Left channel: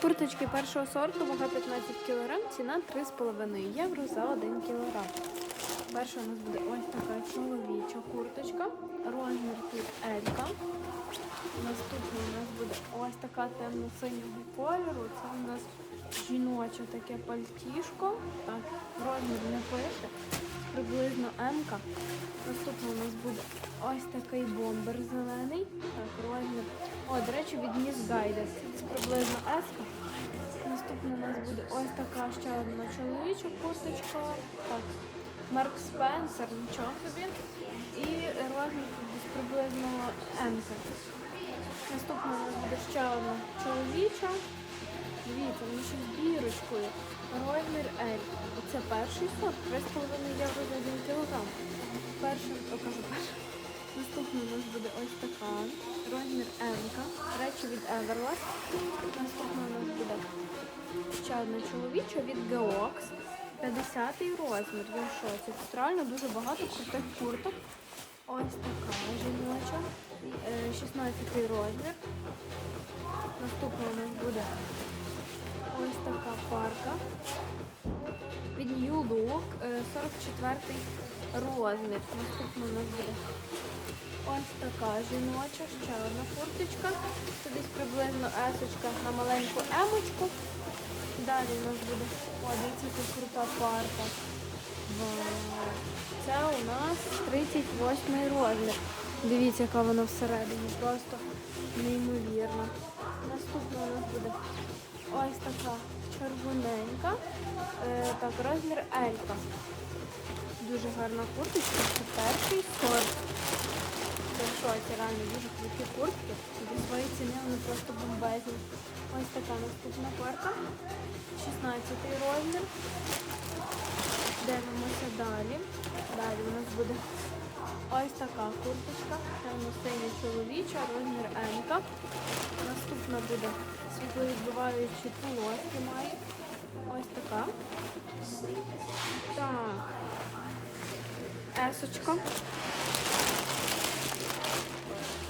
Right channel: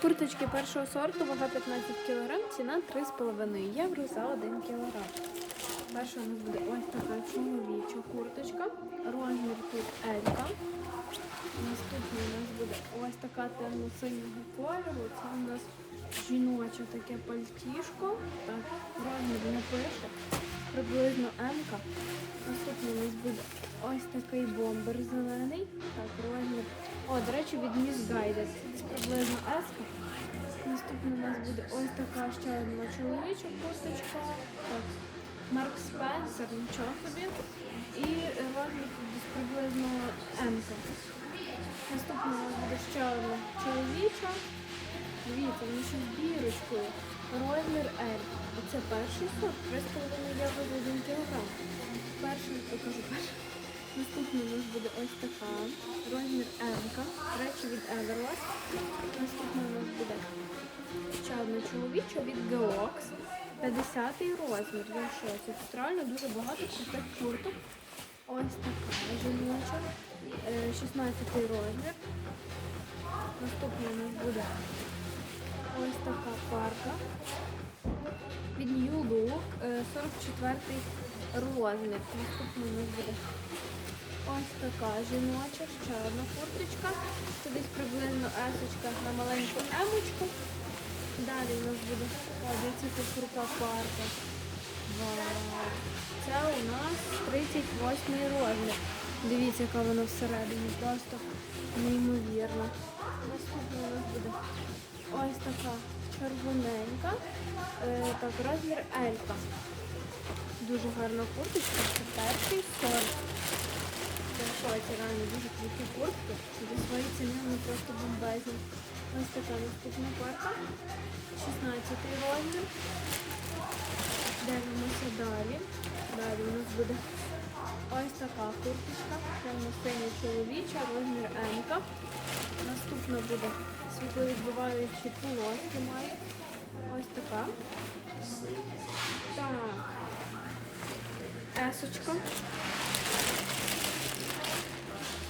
Курточки першого сорту, вага 15 кг, ціна 3,5 євро за 1 кг. Перша у нас буде ось така чоловіча курточка. Розмір тут Елька. Наступна у нас буде ось така темно-синього кольору. Це у нас жіноче таке пальтішко. Так, розмір не пише. Приблизно М-ка. Наступна у нас буде ось такий бомбер зелений. Так, розмір. О, до речі, від Miss Guided. Це приблизно S-ка. Наступна у нас буде ось така ще одна чоловіча курточка. Так, Марк Спенсер, нічого собі. І розмір десь приблизно М-ка. Наступна у нас буде ще одна чоловіча. Дивіться, вони ще з бірочкою. Розмір L. Оце перший сорт, 3,5 євро за 1 кілограм. Перший, покажу перший. Буде ось така. Розмір М. Речі від Everlast. Наступна у нас буде ще одна чоловіча від Geox. 50 розмір. Шоці. Тут реально дуже багато крутих курток. Ось така жіноча. Е, 16 розмір. Наступна у нас буде ось така парка. Від New Look, е, 44 розмір. Наступна у нас буде ось така жіноча, ще одна курточка. Це десь приблизно есочка на маленьку емочку. Далі у нас буде ця крута парка. Це у нас 38 розмір. Дивіться, яка вона всередині. Просто неймовірна. Наступна у нас буде ось така червоненька. Е, так, розмір Елька. Дуже гарна курточка. Це перший сорт. Це реально дуже круті куртки. За свої ціни вони просто бомбезні. Ось така наступна парка. 16 розмір. Дивимося далі. Далі у нас буде ось така курточка. Це Синя чоловіча, розмір М. Наступна буде світловідбиваючі полоски має. Ось така. Так. Есочка.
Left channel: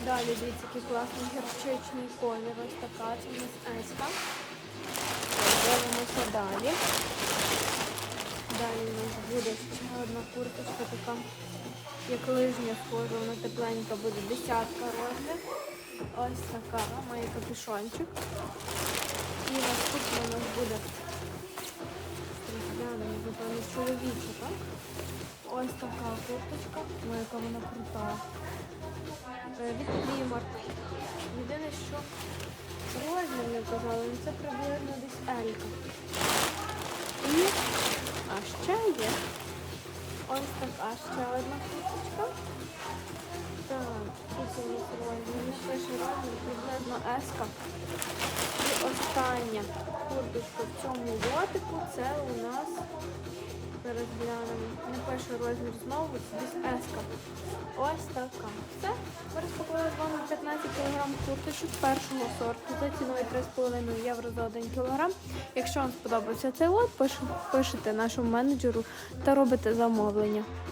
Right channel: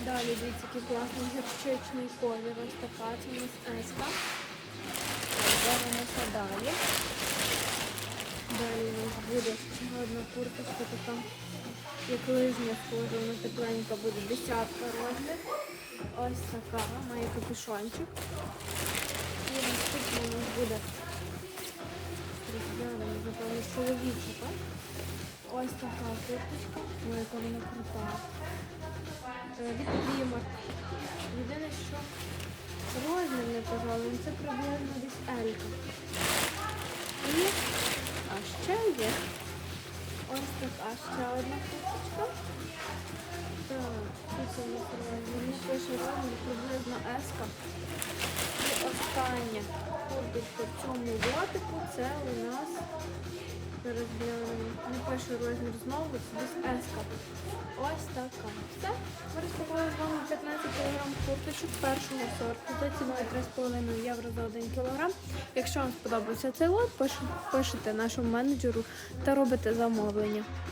Далі дивіться, який класний гірчичний колір. Ось така. Це у нас еска. Дивимося далі. Далі у нас буде одна курточка така, як лижня схожа, вона тепленька буде десятка розмір. Ось така, має капюшончик. І наступна у нас буде напевно, чоловіча, так? Ось така курточка, ну яка вона крута. Е, Від клімат. Єдине, що розмір не вказали, але це приблизно десь Елька. І а ще є ось така ще одна курточка. Так, пише розмір, приблизно еска. І остання курточка в цьому лотику це у нас зараз. Не пише розмір знову, це еска. Ось така. Все. Ми з вами 15 кг курточок першого сорту за ціною 3,5 євро за 1 кг. Якщо вам сподобався цей лот, пиш- пишете нашому менеджеру та робите замовлення.